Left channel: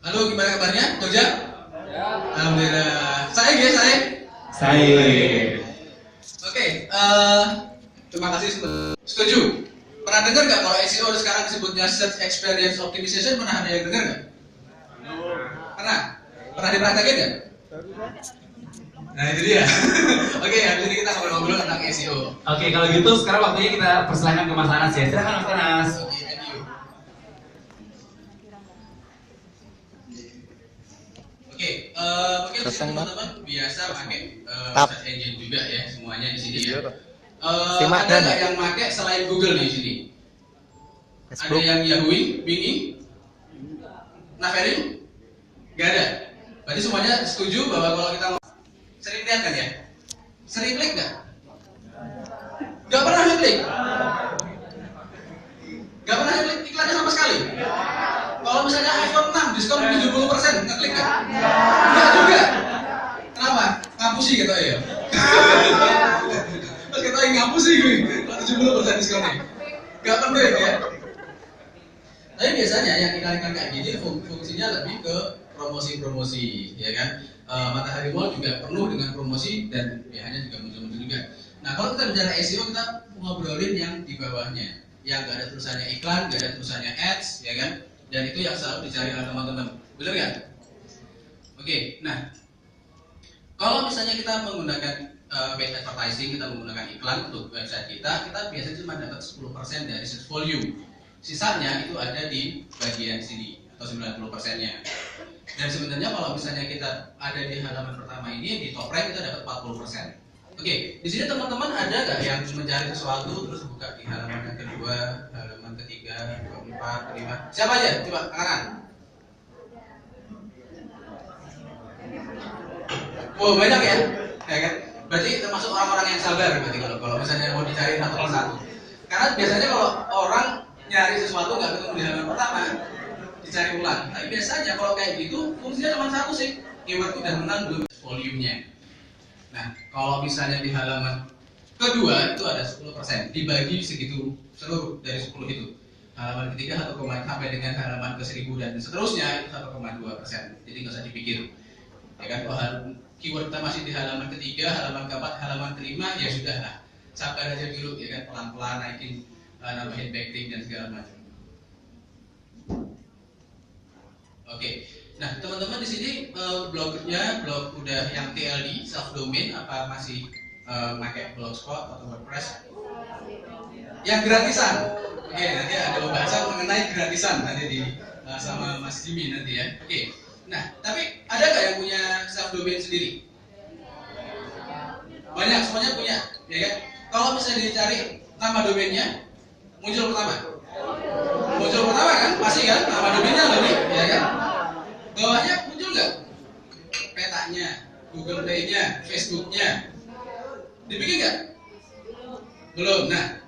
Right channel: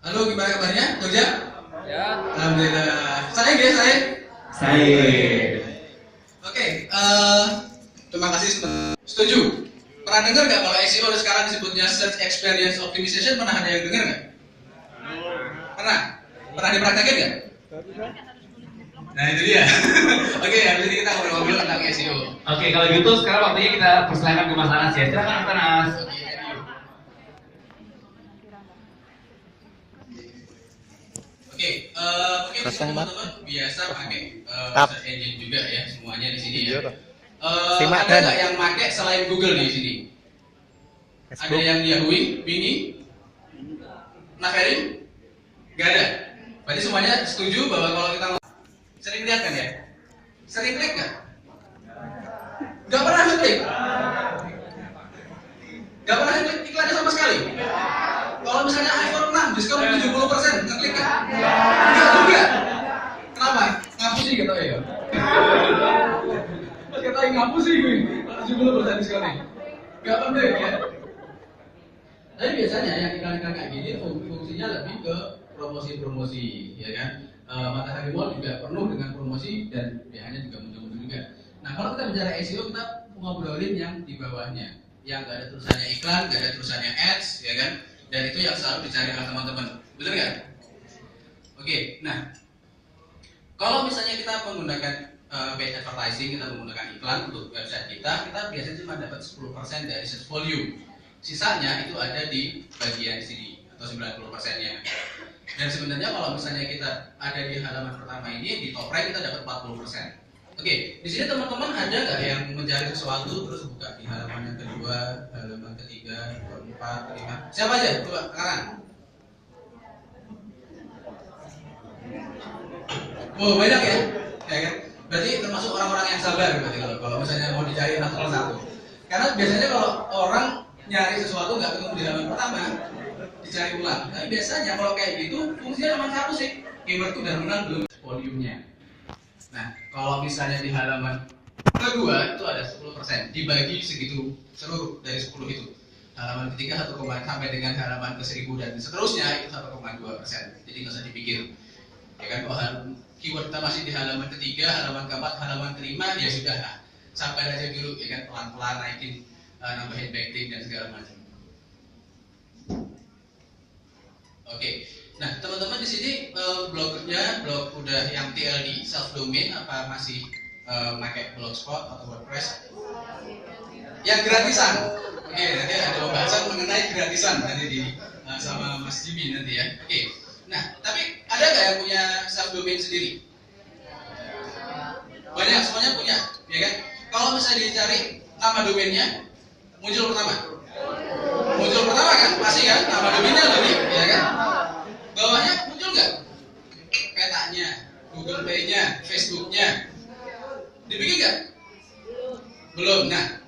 Halo, gimana kabarnya, Jogja? Ya. Alhamdulillah. Saya. Oke, terima kasih semua. Setuju? Pernah dengar nggak kalau SEO sekarang disebutnya Search Experience Optimization? Pernah ada yang dengar nggak? Pernah? Pernah dipraktekin nggak? Nah itu dia. Oke, habis ini kita ngobrol-ngobrol tentang SEO. Oke, kalau gitu sekarang waktunya kita persilakan ke Mas Anas ya. Silakan Mas Anas. Oke, mungkin teman-teman biasa pakai search engine juga ya, semuanya di sini ya. Ada nggak yang pakai selain Google di sini? Ada yang Yahoo, Bing, Naverin? Nggak ada. Berarti semuanya setuju bahwa kalau kita sering lihat kan ya? Sering klik nggak? Nggak pernah klik? Nggak pernah klik iklannya sama sekali? Kalau misalnya iPhone 6 diskon 70%, ngeklik nggak? Enggak juga. Kenapa? Ngapusi gitu ya. Terus kata ngapusi gue. Kalau 70% diskonnya. Enggak penting ya. Tapi biasanya yang iklan-iklan kayak gini fungsinya lebih ke promosi-promosi, ya kan? Matahari Mall juga penuh dengan promosi dan biayanya juga muncul-muncul juga. Nah, kalau kita bicara SEO, kita ngobrolin yang di bawahnya, yang nggak ada tulisannya iklan, nggak ada tulisannya ads, ya kan? Dan itu yang selalu dicari oleh teman-teman, betul nggak? Oke, nah kalau misalnya kita menggunakan paid advertising, kita menggunakan iklan untuk website kita biasanya cuma dapat 10% dari search volume. Sisanya itu ada di bagian sini atau 90%-nya. Dan sebenarnya kalau misalnya kita ada di halaman pertama ini, di top rank kita dapat 40%. Oke, di sini teman-teman ada nggak yang mencari sesuatu terus buka di halaman yang kedua, halaman ketiga, keempat, kelima? Siapa aja? Coba angkat. Oh banyak ya, ya kan? Berarti termasuk orang-orang yang sabar berarti kalau misalnya mau dicari satu persatu. Karena biasanya kalau orang nyari sesuatu nggak ketemu di halaman pertama, dicari ulang. Tapi biasanya kalau kayak gitu fungsinya cuma satu sih, keyword itu udah menang belum volumenya. Nah, kalau misalnya di halaman kedua itu ada 10%, dibagi segitu seluruh dari 10 itu. Halaman ketiga 1, sampai dengan halaman ke 1000 dan seterusnya itu 1,2%. Jadi nggak usah dipikir. Ya kan, kalau keyword kita masih di halaman ketiga, halaman keempat, halaman kelima, ya sudah lah. Sampai aja dulu, ya kan, pelan-pelan naikin, nambahin backlink dan segala macam. Oke. Nah, teman-teman di sini blognya blog udah yang TLD, self domain, apa masih pakai Blogspot atau WordPress? Yang gratisan. Oke, nanti ada pembahasan mengenai gratisan nanti di sama Mas Jimmy nanti ya. Oke. Nah, tapi ada nggak yang punya self domain sendiri? Banyak, semuanya punya, ya kan? Kalau misalnya dicari nama domainnya, muncul pertama. Muncul pertama kan? Pasti kan? Nama domainnya lebih, ya kan? Bawahnya muncul nggak? Petanya, Google Play-nya, Facebook-nya. Dibikin nggak? Belum. Nah,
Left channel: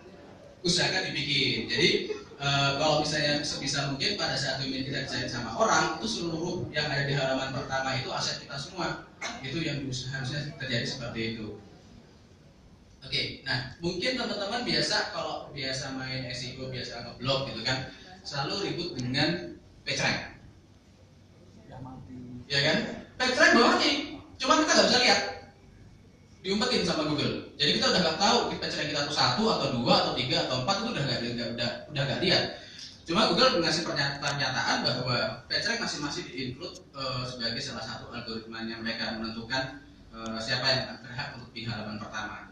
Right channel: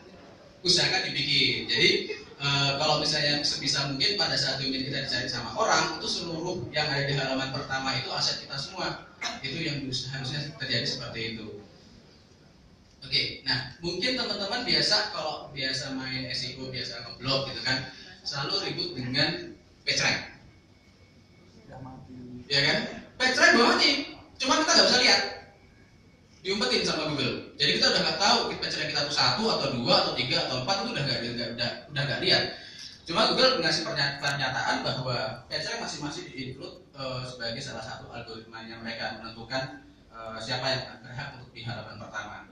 usahakan dibikin. Jadi kalau misalnya sebisa mungkin pada saat domain kita dicari sama orang, itu seluruh yang ada di halaman pertama itu aset kita semua. Itu yang harusnya terjadi seperti itu. Oke, nah mungkin teman-teman biasa kalau biasa main SEO, biasa ngeblog gitu kan, selalu ribut dengan PageRank. Ya kan? PageRank belum mati, cuma kita nggak bisa lihat, diumpetin sama Google. Jadi kita udah nggak tahu PageRank kita tuh 1 atau 2 atau 3 atau 4 itu udah nggak lihat. Cuma Google ngasih pernyataan bahwa PageRank masih di-include sebagai salah satu algoritma yang mereka menentukan siapa yang berhak untuk di halaman pertama.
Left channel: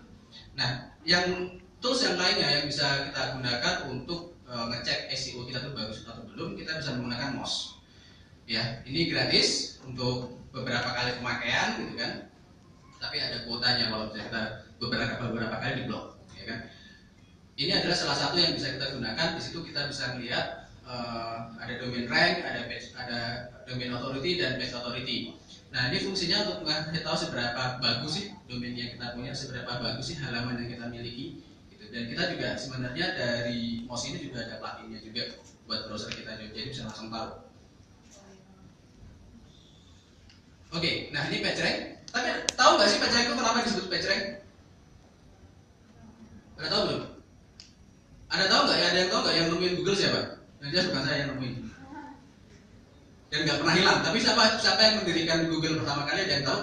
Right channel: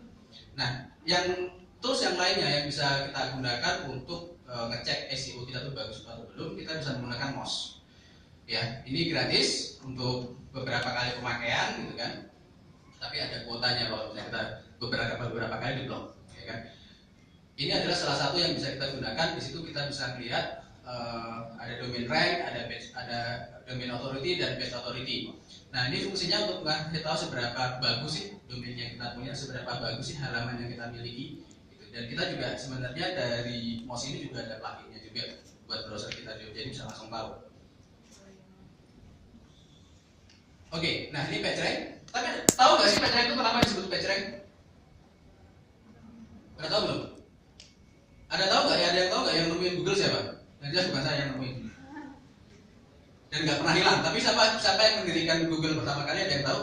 Nah, yang tools yang lainnya yang bisa kita gunakan untuk ngecek SEO kita tuh bagus atau belum, kita bisa menggunakan Moz. Ya, ini gratis untuk beberapa kali pemakaian gitu kan. Tapi ada kuotanya kalau misalnya kita beberapa kali di blog, ya kan. Ini adalah salah satu yang bisa kita gunakan. Di situ kita bisa melihat ada domain rank, ada domain authority dan page authority. Nah, ini fungsinya untuk ngasih tahu seberapa bagus sih domain yang kita punya, seberapa bagus sih halaman yang kita miliki. Gitu. Dan kita juga sebenarnya dari Moz ini juga ada pluginnya juga buat browser kita, jadi bisa langsung tahu. Oke, nah ini PageRank. Tapi tahu nggak sih PageRank itu kenapa disebut PageRank? Ada tahu belum? Ada tahu nggak? Ada yang tahu nggak yang nemuin Google siapa? Yang jelas bukan saya yang nemuin. Dan nggak pernah hilang. Tapi siapa yang mendirikan Google pertama kali? Ada yang tahu?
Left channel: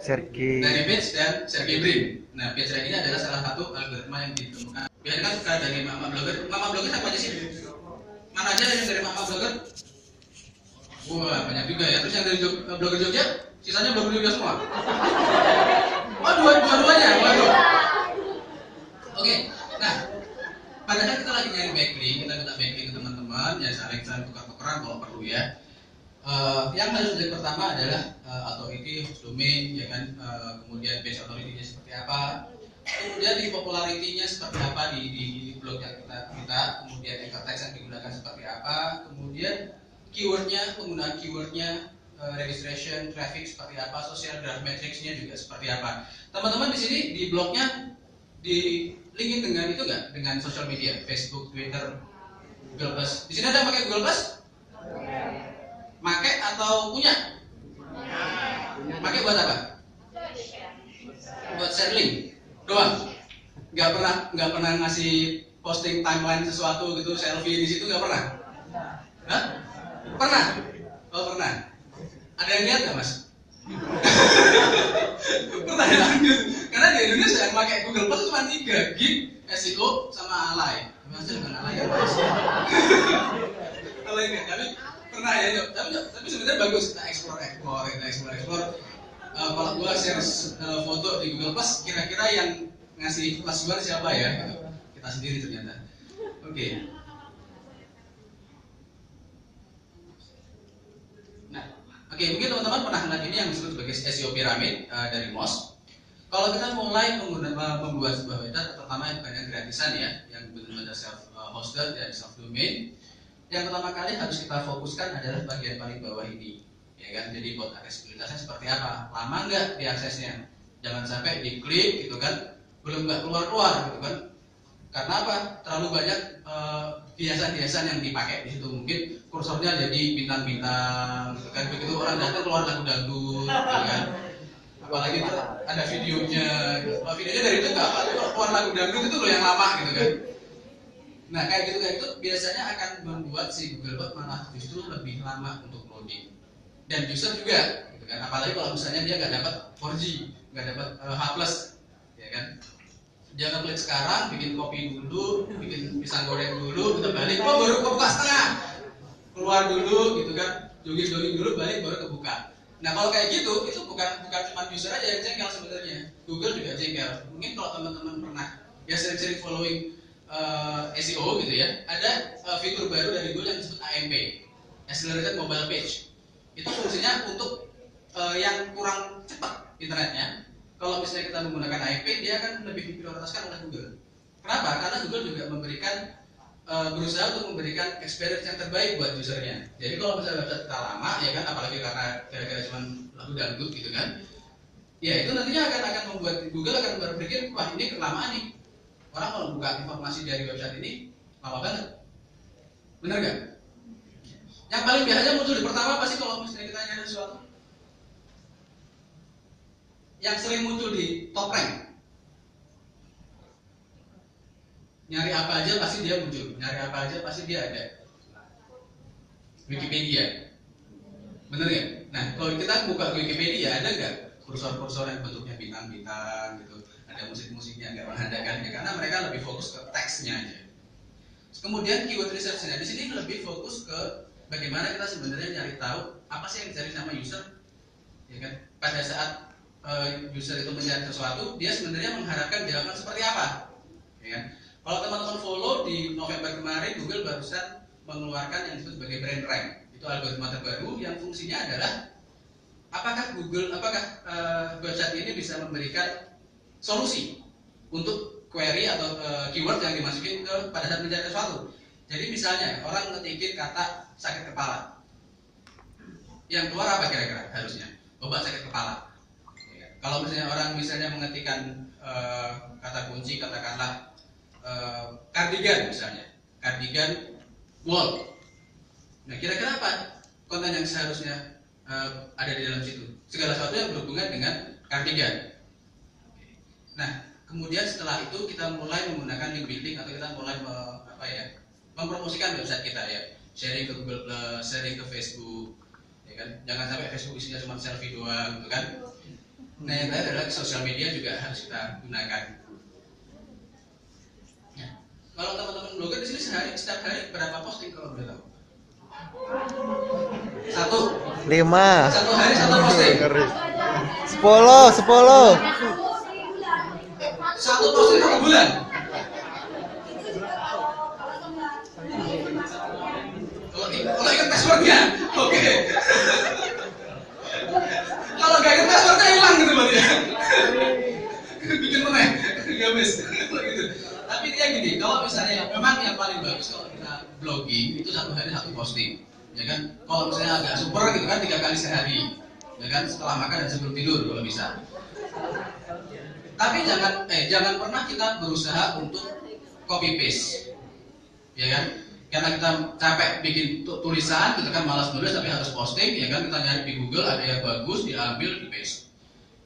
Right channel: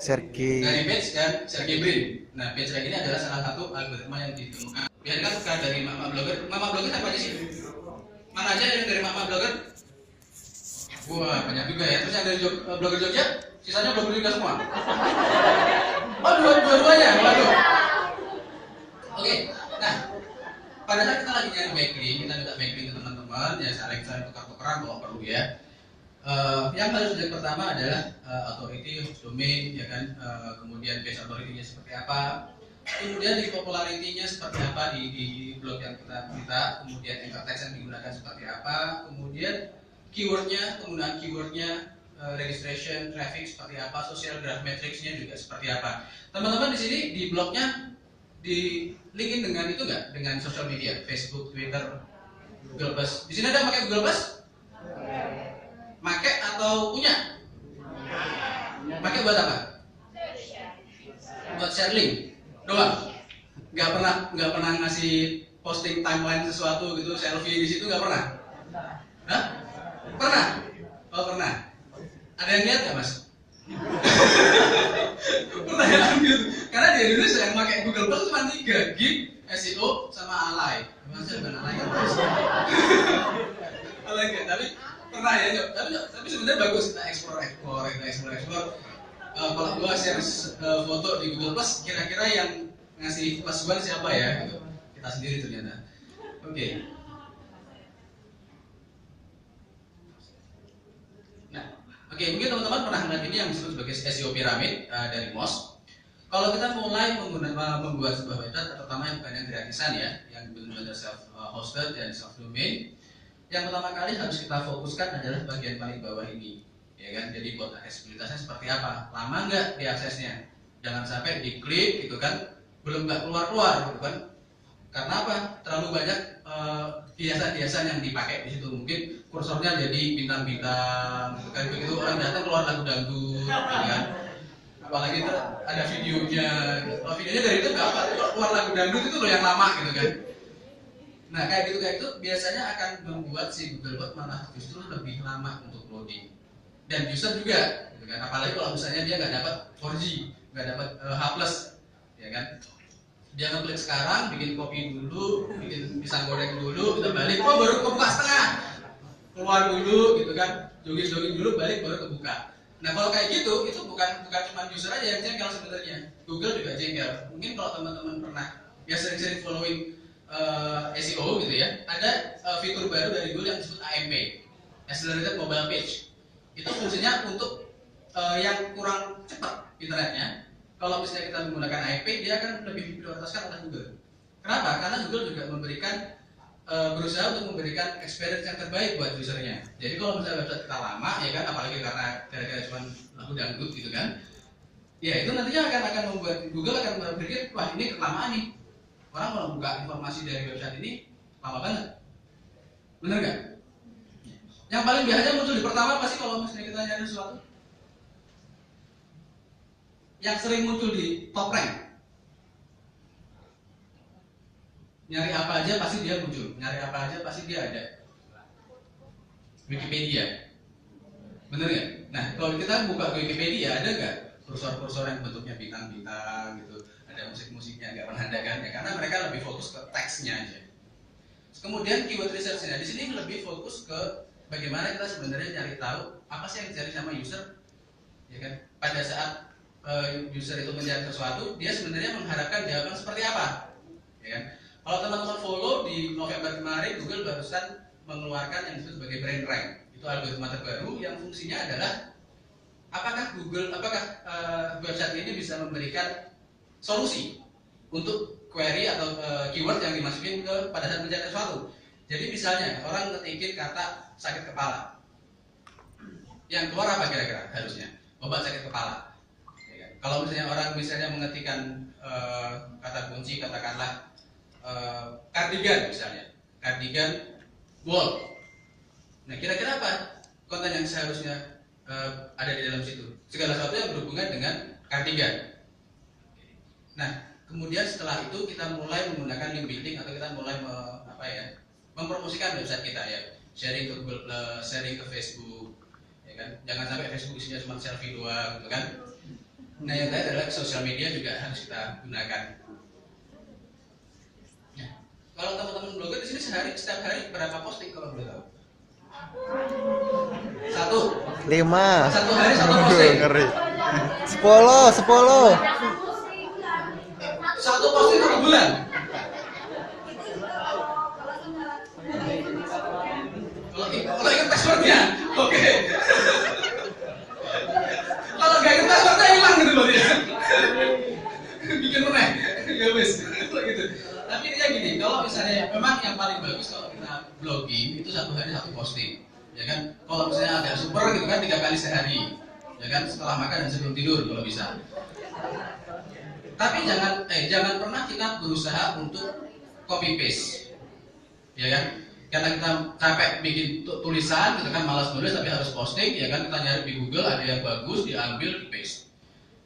Sergey. Larry Page dan Sergey Brin. Nah, PageRank ini adalah salah satu algoritma yang ditemukan. Biasanya kan suka dari mama blogger. Mama blogger siapa aja sih? Mana aja yang dari mama blogger? Wah, banyak juga ya. Terus yang dari blogger Jogja, sisanya blogger juga semua. Oh, dua-duanya. Waduh. Oke. Nah, padahal kita lagi nyari backlink, kita minta backlink ke teman-teman, ya saling tukar-tukaran kalau perlu ya. Yang harus dari pertama adalah authority, host domain, ya kan. Kemudian base authority-nya seperti apa. Kemudian di popularity-nya seperti apa di blog yang kita minta. Kemudian anchor text yang digunakan seperti apa. Kemudian keywordnya, penggunaan keywordnya, registration, traffic seperti apa, social graph matrix-nya juga seperti apa. Teman-teman di sini di blognya di linkin dengan itu nggak? Dengan social media, Facebook, Twitter, Google Plus. Di sini ada yang pakai Google Plus? Pakai atau punya? Pakai buat apa? Buat share link doang. Nggak pernah ngasih posting timeline sesuatu gitu, selfie di situ nggak pernah? Hah? Pernah? Oh pernah. Ada yang lihat nggak mas? Pertanyaan gitu. Karena di Indonesia yang pakai Google Plus cuma 3, Gig, SEO, sama Alay. Maksudnya bukan Alay ya mas? Alay enggak, tapi pernah ya. Tapi sebenarnya bagus kita explore. Kalau gua share foto di Google Plus, kira-kira yang ngasih masukan siapa ya? Gitu. Kita sendiri ternyata. Oke. Oke, mungkin teman-teman pernah melihat ini yang disebut sebagai SEO piramid dari Moz. Kalau kita mulai membuat sebuah website, terutama yang bukan yang gratisan ya, yang benar-benar self-hosted dan self-domain, yang pertama kali harus kita fokuskan adalah bagian paling bawah ini, ya kan? Jadi buat aksesibilitasnya seperti apa? Lama nggak diaksesnya? Jangan sampai diklik gitu kan, belum nggak keluar-keluar gitu kan? Karena apa? Terlalu banyak hiasan-hiasan yang dipakai di situ. Mungkin kursornya jadi bintang-bintang gitu kan, begitu orang datang keluar lagu dangdut gitu kan, apalagi itu ada videonya gitu. Kalau videonya dari itu nggak apa, kalau keluar lagu dangdut itu loh yang lama gitu kan. Nah kayak gitu biasanya akan membuat si Googlebot malah justru lebih lama untuk loading, dan user juga gitu kan, apalagi kalau misalnya dia nggak dapat 4G, nggak dapat H+, ya kan. Dia ngeklik sekarang, bikin kopi dulu, bikin pisang goreng dulu, kita balik, oh baru kebuka setengah, keluar dulu gitu kan, jogging dulu, balik baru kebuka. Nah kalau kayak gitu, itu bukan cuma user aja yang jengkel sebenarnya, Google juga jengkel. Mungkin kalau teman-teman pernah ya sering-sering following SEO gitu ya, ada fitur baru dari Google yang disebut AMP, Accelerated Mobile Page. Itu fungsinya untuk yang kurang cepat internetnya. Kalau misalnya kita menggunakan AMP, dia akan lebih diprioritaskan oleh Google. Kenapa? Karena Google juga berusaha untuk memberikan experience yang terbaik buat usernya. Jadi kalau misalnya website kita lama, ya kan, apalagi karena kira-kira cuma lagu dangdut gitu kan, ya itu nantinya akan membuat Google akan berpikir, wah ini kelamaan nih. Orang kalau buka informasi dari website ini lama banget. Bener nggak? Yang paling biasanya muncul di pertama pasti kalau misalnya kita nyari sesuatu, yang sering muncul di top rank, nyari apa aja pasti dia muncul, nyari apa aja pasti dia ada. Wikipedia, bener nggak? Nah kalau kita buka Wikipedia, ada nggak kursor-kursor yang bentuknya bintang-bintang gitu, ada musik-musiknya, nggak pernah ada kan? Ya, karena mereka lebih fokus ke teksnya aja. Kemudian keyword research-nya di sini lebih fokus ke bagaimana kita sebenarnya cari tahu apa sih yang dicari sama user, ya kan? Pada saat user itu mencari sesuatu, dia sebenarnya mengharapkan jawaban seperti apa, ya kan? Kalau teman-teman follow di November kemarin, Google barusan mengeluarkan yang disebut sebagai Brain Rank. Itu algoritma terbaru yang fungsinya adalah apakah website ini bisa memberikan solusi untuk query atau keyword yang dimasukin pada saat mencari sesuatu. Jadi misalnya orang ngetikin kata sakit kepala, yang keluar apa kira-kira harusnya? Obat sakit kepala. Kalau misalnya orang mengetikkan kata kunci, katakanlah cardigan misalnya, cardigan wall. Nah kira-kira apa konten yang seharusnya ada di dalam situ? segala sesuatu yang berhubungan dengan Kartiga. Nah, kemudian setelah itu kita mulai menggunakan link building atau kita mulai mempromosikan website kita ya, sharing ke Google Plus, sharing ke Facebook, ya kan? Jangan sampai Facebook isinya cuma selfie doang, gitu kan? Nah, yang lain adalah sosial media juga harus kita gunakan. Nah, kalau teman-teman blogger di sini setiap hari berapa posting kalau boleh tahu? 5. Satu hari satu posting. 10. Satu posting 1 bulan. Kalau ingat passwordnya, oke. Kalau nggak ingat passwordnya hilang gitu berarti ya. Bikin meneh, ya wis. Gitu. Tapi dia gini, kalau misalnya memang yang paling bagus kalau kita blogging itu 1 hari 1 posting, ya kan? Kalau misalnya agak super gitu kan 3 kali sehari, ya kan? Setelah makan dan sebelum tidur kalau bisa. Tapi jangan pernah kita berusaha untuk copy paste, ya kan? Karena kita capek bikin tulisan, kita kan malas nulis tapi harus posting, ya kan? Kita nyari di Google ada yang bagus, diambil, di paste.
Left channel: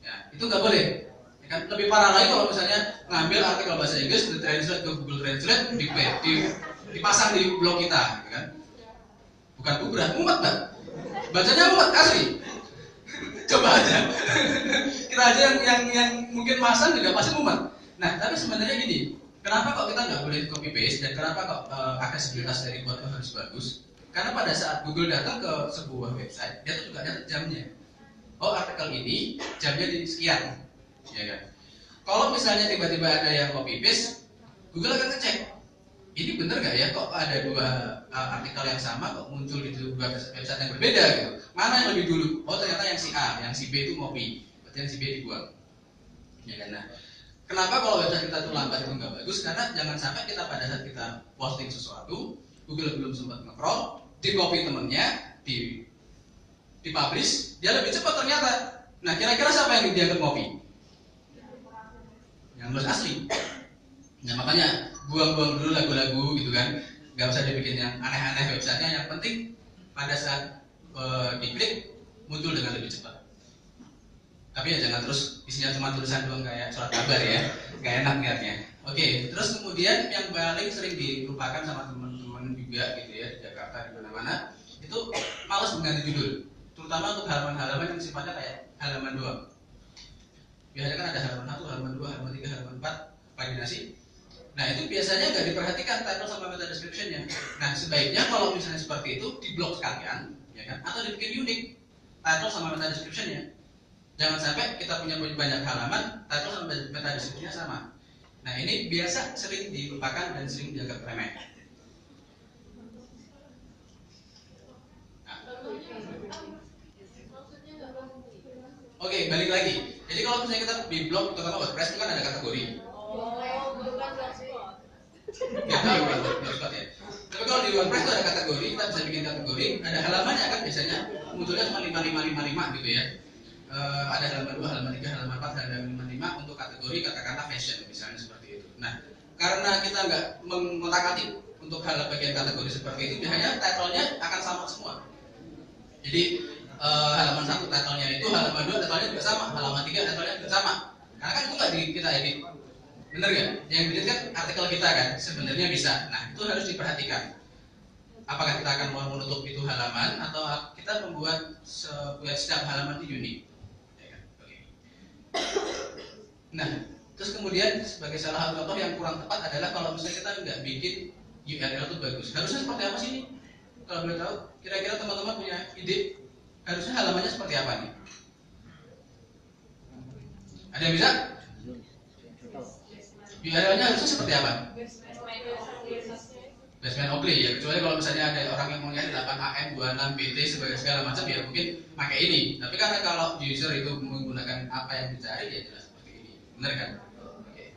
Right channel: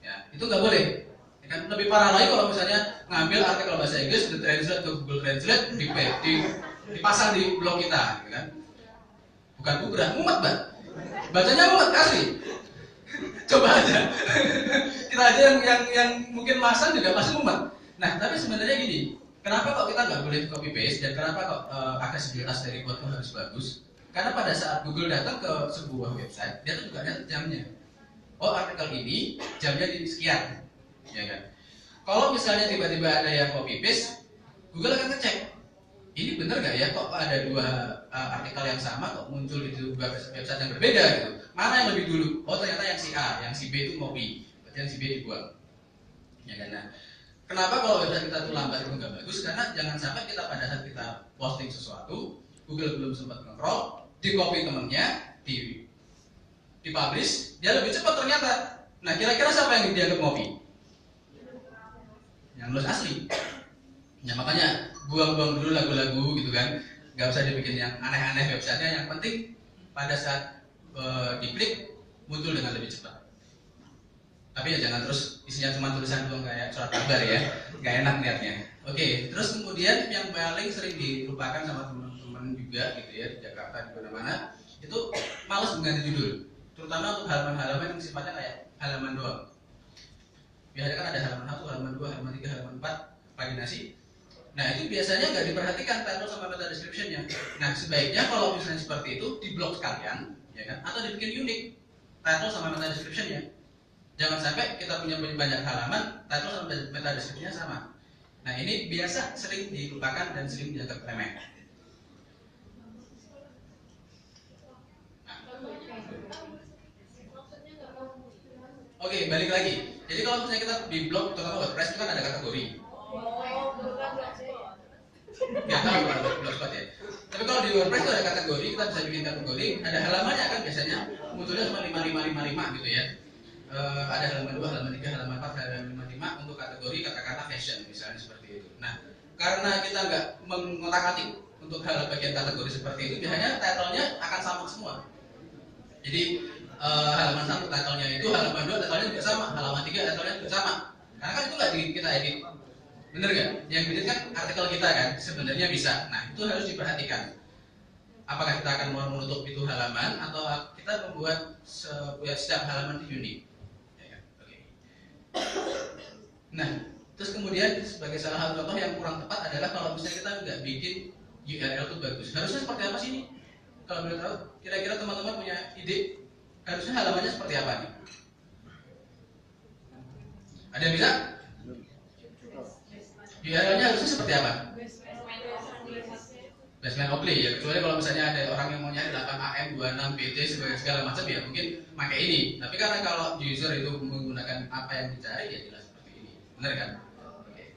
Ya, itu nggak boleh. Ya kan? Lebih parah lagi kalau misalnya ngambil artikel bahasa Inggris, di translate ke Google Translate, dipasang di blog kita, ya kan? Bukan kubrah, mumet Mbak. Bacanya mumet asli. Coba aja. Kita aja yang mungkin masang juga pasti mumet. Nah, tapi sebenarnya gini, kenapa kok kita nggak boleh copy paste dan kenapa kok aksesibilitas dari buat harus bagus? Karena pada saat Google datang ke sebuah website, dia tuh juga ada jamnya. Oh, artikel ini jamnya di sekian, ya kan? Kalau misalnya tiba-tiba ada yang copy paste, Google akan ngecek. Ini bener nggak ya kok ada 2 artikel yang sama kok muncul di 2 website yang berbeda gitu. Mana yang lebih dulu? Oh, ternyata yang si A, yang si B itu copy, berarti yang si B dibuang. Ya kan? Nah, kenapa kalau website kita itu lambat itu nggak bagus? Karena jangan sampai kita pada saat kita posting sesuatu, Google belum sempat nge-crawl, di-copy temennya, di-publish, dia lebih cepat ternyata. Nah, kira-kira siapa yang dianggap copy? Yang nulis asli. Nah, makanya buang-buang dulu lagu-lagu gitu kan, nggak usah dibikin yang aneh-aneh websitenya. Yang penting pada saat diklik muncul dengan lebih cepat. Tapi ya jangan terus isinya cuma tulisan doang kayak surat kabar ya, nggak enak lihatnya. Oke, terus kemudian yang paling sering dilupakan sama teman-teman juga gitu ya di Jakarta di mana-mana itu malas mengganti judul, terutama untuk halaman-halaman yang sifatnya kayak halaman doang. Biasanya kan ada halaman 1, halaman 2, halaman 3, halaman 4, paginasi. Nah, itu biasanya nggak diperhatikan title sama meta description-nya. Nah, sebaiknya kalau misalnya seperti itu di-blok sekalian, ya kan? Atau dibikin unik title sama meta description-nya. Jangan sampai kita punya banyak halaman, title sama meta description-nya sama. Nah, ini biasa sering dilupakan dan sering dianggap remeh. Nah. Oke, balik lagi. Jadi kalau misalnya kita di blog terutama WordPress itu kan ada kategori. Ya, blogspot ya. Tapi kalau di WordPress itu ada kategori, kita bisa bikin kategori. Ada halamannya kan biasanya munculnya cuma 5555 gitu ya. Ada halaman 2, halaman 3, halaman 4, halaman 5 untuk kategori kata-kata fashion misalnya seperti itu. Nah, karena kita nggak mengotak-atik untuk hal bagian kategori seperti itu, hanya title-nya akan sama semua. Jadi halaman 1 title-nya itu, halaman 2 title-nya juga sama, halaman 3 title-nya juga sama. Karena kan itu nggak kita edit. Bener nggak? Yang edit kan artikel kita kan, sebenarnya bisa. Nah, itu harus diperhatikan. Apakah kita akan mau menutup itu halaman atau kita membuat setiap halaman itu unik. Nah, terus kemudian sebagai salah satu contoh yang kurang tepat adalah kalau misalnya kita nggak bikin URL itu bagus. Harusnya seperti apa sih ini? Kalau boleh tahu, kira-kira teman-teman punya ide? Harusnya halamannya seperti apa nih? Ada yang bisa? URL-nya harusnya seperti apa? Basement Oakley ya, kecuali kalau misalnya ada orang yang mau nyari 8AM, 26BT sebagai segala macam ya mungkin pakai ini. Tapi karena kalau user itu menggunakan apa yang dicari ya jelas seperti ini, benar kan? Oke.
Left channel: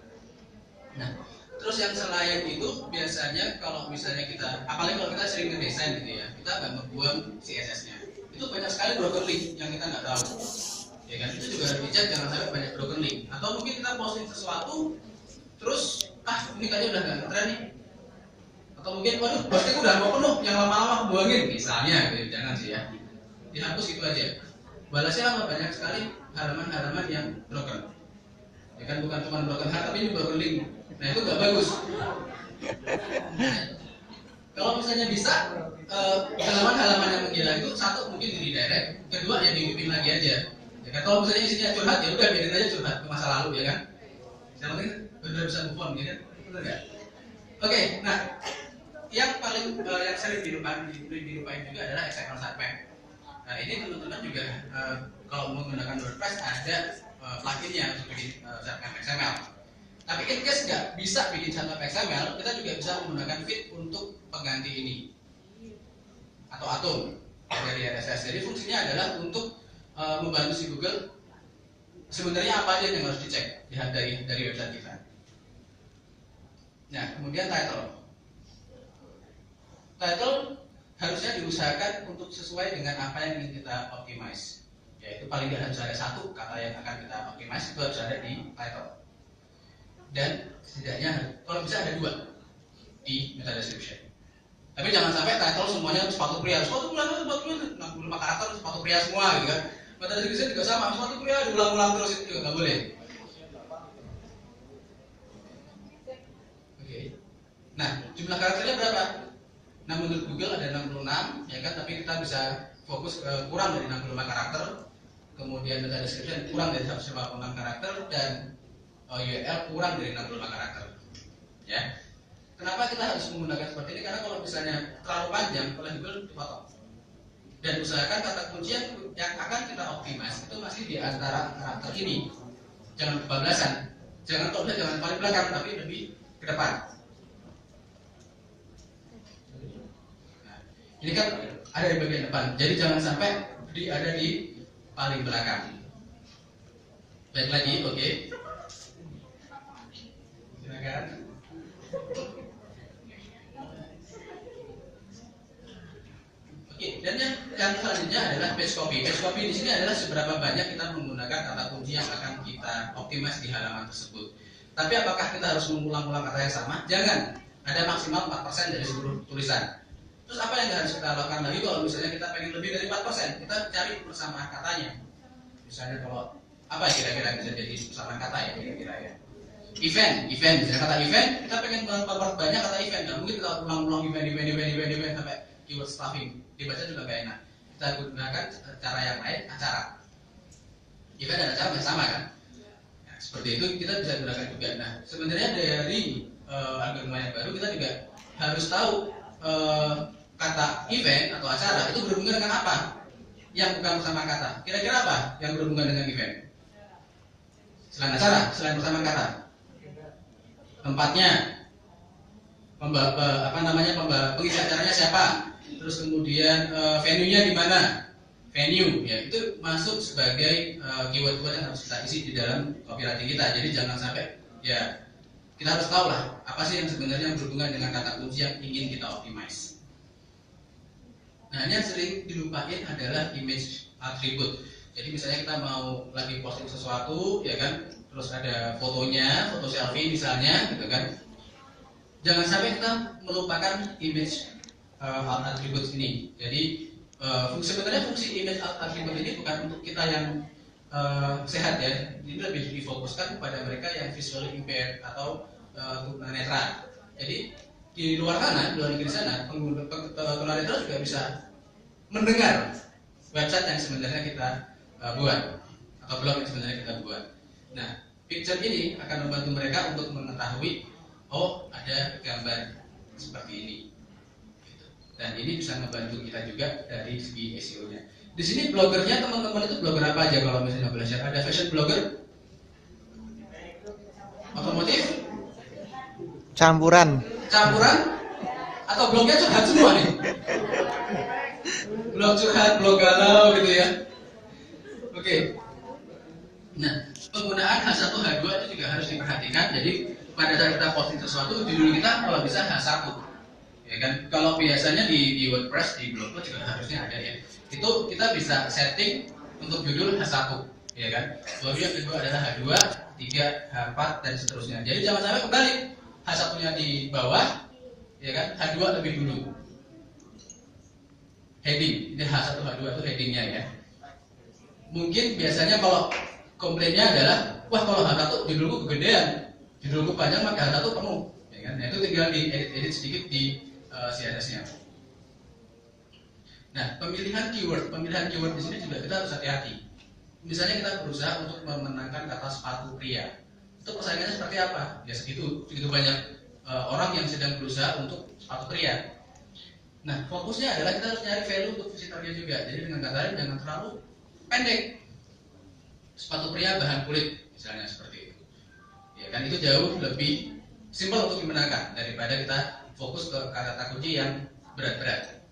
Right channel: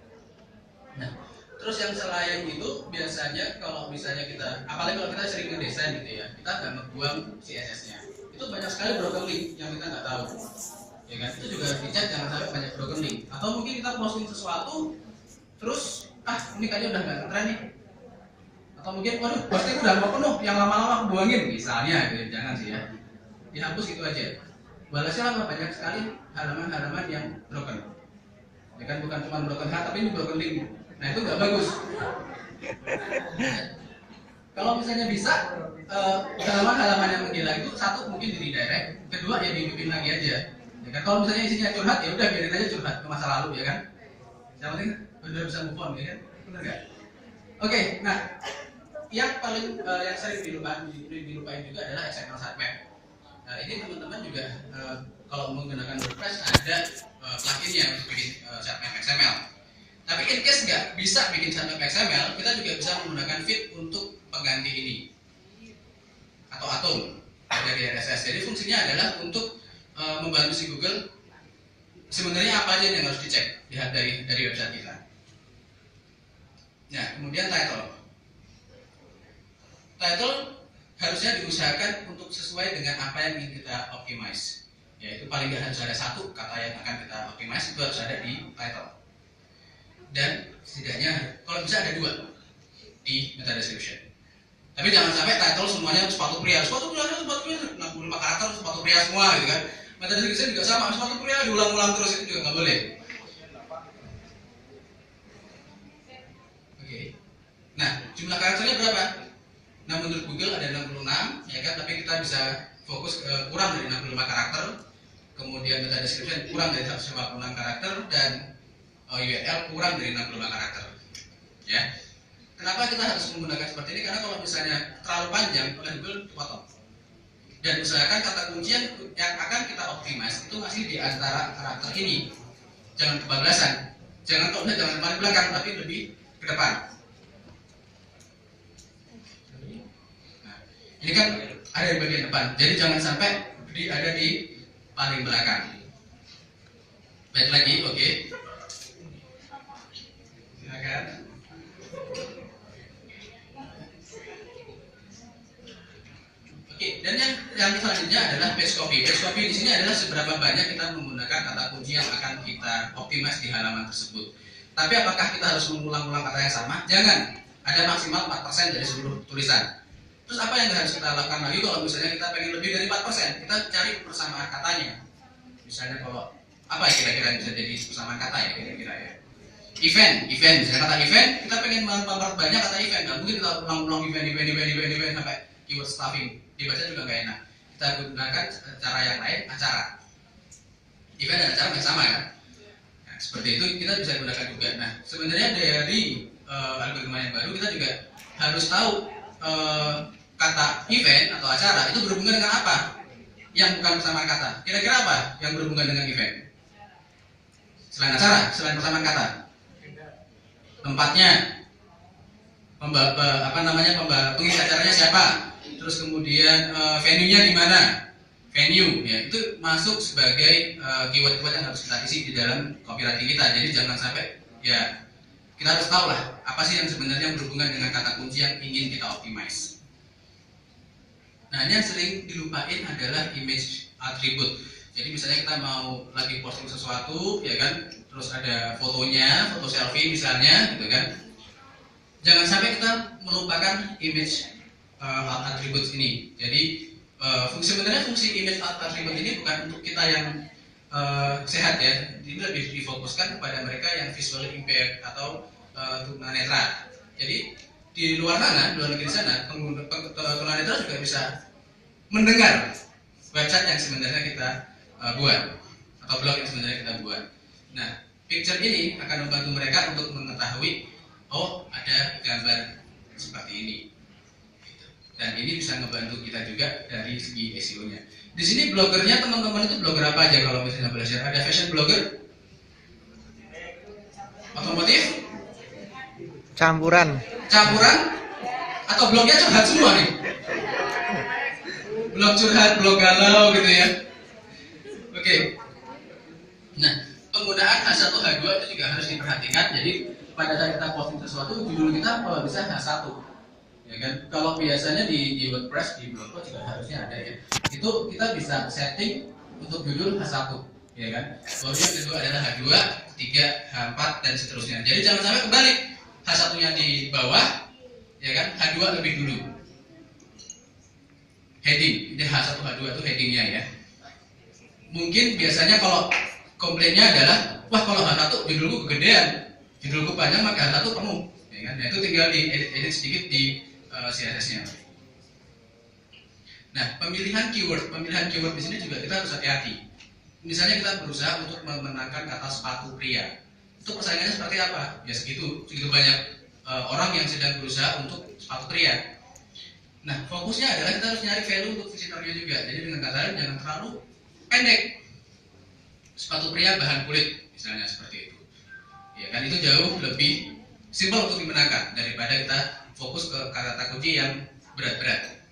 Nah, terus yang selain itu biasanya kalau misalnya kita, apalagi kalau kita sering ngedesain gitu ya, kita nggak membuang CSS-nya. Itu banyak sekali broken link yang kita nggak tahu, ya kan? Itu juga harus dicek jangan sampai banyak broken link. Atau mungkin kita posting sesuatu, terus ini kayaknya udah nggak ngetren nih. Atau mungkin, waduh, posting udah mau penuh, yang lama-lama buangin misalnya, gitu. Jangan sih ya, dihapus gitu aja. balasnya apa? Banyak sekali halaman-halaman yang broken. Ya kan, bukan cuma broken heart tapi juga broken link. Nah itu nggak bagus. Kalau misalnya bisa halaman-halaman yang menghilang itu satu mungkin di redirect, kedua ya dihidupin lagi aja. Ya kan, kalau misalnya isinya curhat ya udah biarin aja curhat ke masa lalu ya kan. Yang penting udah bisa move on ya kan, benar nggak? Oke, nah yang paling yang sering dilupain juga adalah XML sitemap. Nah ini teman-teman juga kalau menggunakan WordPress ada plugin yang bikin sitemap XML. Tapi in case nggak bisa bikin sitemap XML, kita juga bisa menggunakan feed untuk pengganti ini atau atom dari RSS. Jadi fungsinya adalah untuk membantu si Google sebenarnya apa aja yang harus dicek lihat dari website kita. Nah, kemudian title harusnya diusahakan untuk sesuai dengan apa yang ingin kita optimize. Yaitu paling nggak harus ada satu kata yang akan kita optimize, itu harus ada di title. Dan setidaknya kalau bisa ada 2 di meta description. Tapi jangan sampai title semuanya sepatu pria 65 karakter sepatu pria semua gitu kan. Meta description juga sama, sepatu pria diulang-ulang terus, itu juga nggak boleh. Oke. Nah, jumlah karakternya berapa? Nah, menurut Google ada 66 ya kan, tapi kita bisa fokus kurang dari 65 karakter. Kemudian meta description kurang dari 156 karakter dan URL kurang dari 65 karakter. Ya. Kenapa kita harus menggunakan seperti ini? Karena kalau misalnya terlalu panjang oleh Google potong. Dan usahakan kata kunci yang akan kita optimize itu masih di antara karakter ini. Jangan kebablasan. Jangan paling belakang, tapi lebih ke depan. Nah, ini kan ada di bagian depan. Jadi jangan sampai ada di paling belakang. Baik lagi, oke. Silakan. Oke, dan yang selanjutnya adalah page copy. Page copy di sini adalah seberapa banyak kita menggunakan kata kunci yang akan kita optimize di halaman tersebut. Tapi apakah kita harus mengulang-ulang kata yang sama? Jangan. Ada maksimal 4% dari seluruh tulisan. Terus apa yang harus kita lakukan lagi kalau misalnya kita pengen lebih dari 4%? Kita cari persamaan katanya. Misalnya kalau apa ya kira-kira yang bisa jadi persamaan kata ya kira-kira ya? Event, misalnya kata event, kita pengen memperbanyak kata event. Nggak mungkin kita ulang-ulang event sampai keyword stuffing. Dibaca juga nggak enak. Kita gunakan cara yang lain, acara. Event dan acara sama kan? Nah, seperti itu kita bisa gunakan juga. Nah, sebenarnya dari algoritma yang baru kita juga harus tahu kata event atau acara itu berhubungan dengan apa? Yang bukan persamaan kata. Kira-kira apa yang berhubungan dengan event? Selain acara, selain persamaan kata. Tempatnya, pengisi acaranya siapa? Terus kemudian venue-nya di mana? Venue, ya itu masuk sebagai keyword-keyword yang harus kita isi di dalam copywriting kita. Jadi jangan sampai ya kita harus tahu lah apa sih yang sebenarnya berhubungan dengan kata kunci yang ingin kita optimize. Nah, ini yang sering dilupain adalah image attribute. Jadi misalnya kita mau lagi posting sesuatu, ya kan, terus ada fotonya, foto selfie misalnya, gitu kan. Jangan sampai kita melupakan image attributes ini. Jadi sebenarnya fungsi image attribute ini bukan untuk kita yang sehat ya. Ini lebih difokuskan kepada mereka yang visually impaired atau tunanetra. Jadi di luar sana, di luar negeri sana, tunanetra juga bisa mendengar website yang sebenarnya kita buat atau blog yang sebenarnya kita buat. Nah, picture ini akan membantu mereka untuk mengetahui oh ada gambar seperti ini. Dan ini bisa membantu kita juga dari segi SEO-nya. Di sini blogernya teman-teman itu blogger apa aja kalau misalnya belajar? Ada fashion blogger, otomotif, Campuran, atau blognya curhat semua nih? Blog curhat, blog galau gitu ya. Oke. Nah, penggunaan H1, H2 itu juga harus diperhatikan. Jadi pada saat kita posting sesuatu, judul kita kalau bisa H1. Ya kan, kalau biasanya di WordPress di blog juga harusnya ada ya. Itu kita bisa setting untuk judul H1, ya kan. Kemudian kedua adalah H2, ketiga H4 dan seterusnya. Jadi jangan sampai kebalik. H1-nya di bawah, ya kan. H2 lebih dulu. Heading, ini H1 H2 itu headingnya ya. mungkin biasanya kalau komplainnya adalah, wah kalau harga tuh judulku kegedean, judulku panjang maka harga tuh penuh, ya kan? Nah itu tinggal diedit sedikit di CSS-nya. Nah pemilihan keyword di sini juga kita harus hati-hati. Misalnya kita berusaha untuk memenangkan kata sepatu pria, itu persaingannya seperti apa? Ya segitu banyak orang yang sedang berusaha untuk sepatu pria. Nah fokusnya adalah kita harus nyari value untuk visitornya juga. Jadi dengan kata lain jangan terlalu pendek. Sepatu pria bahan kulit misalnya seperti itu, ya kan, itu jauh lebih simpel untuk dimenangkan daripada kita fokus ke kata kunci yang berat-berat,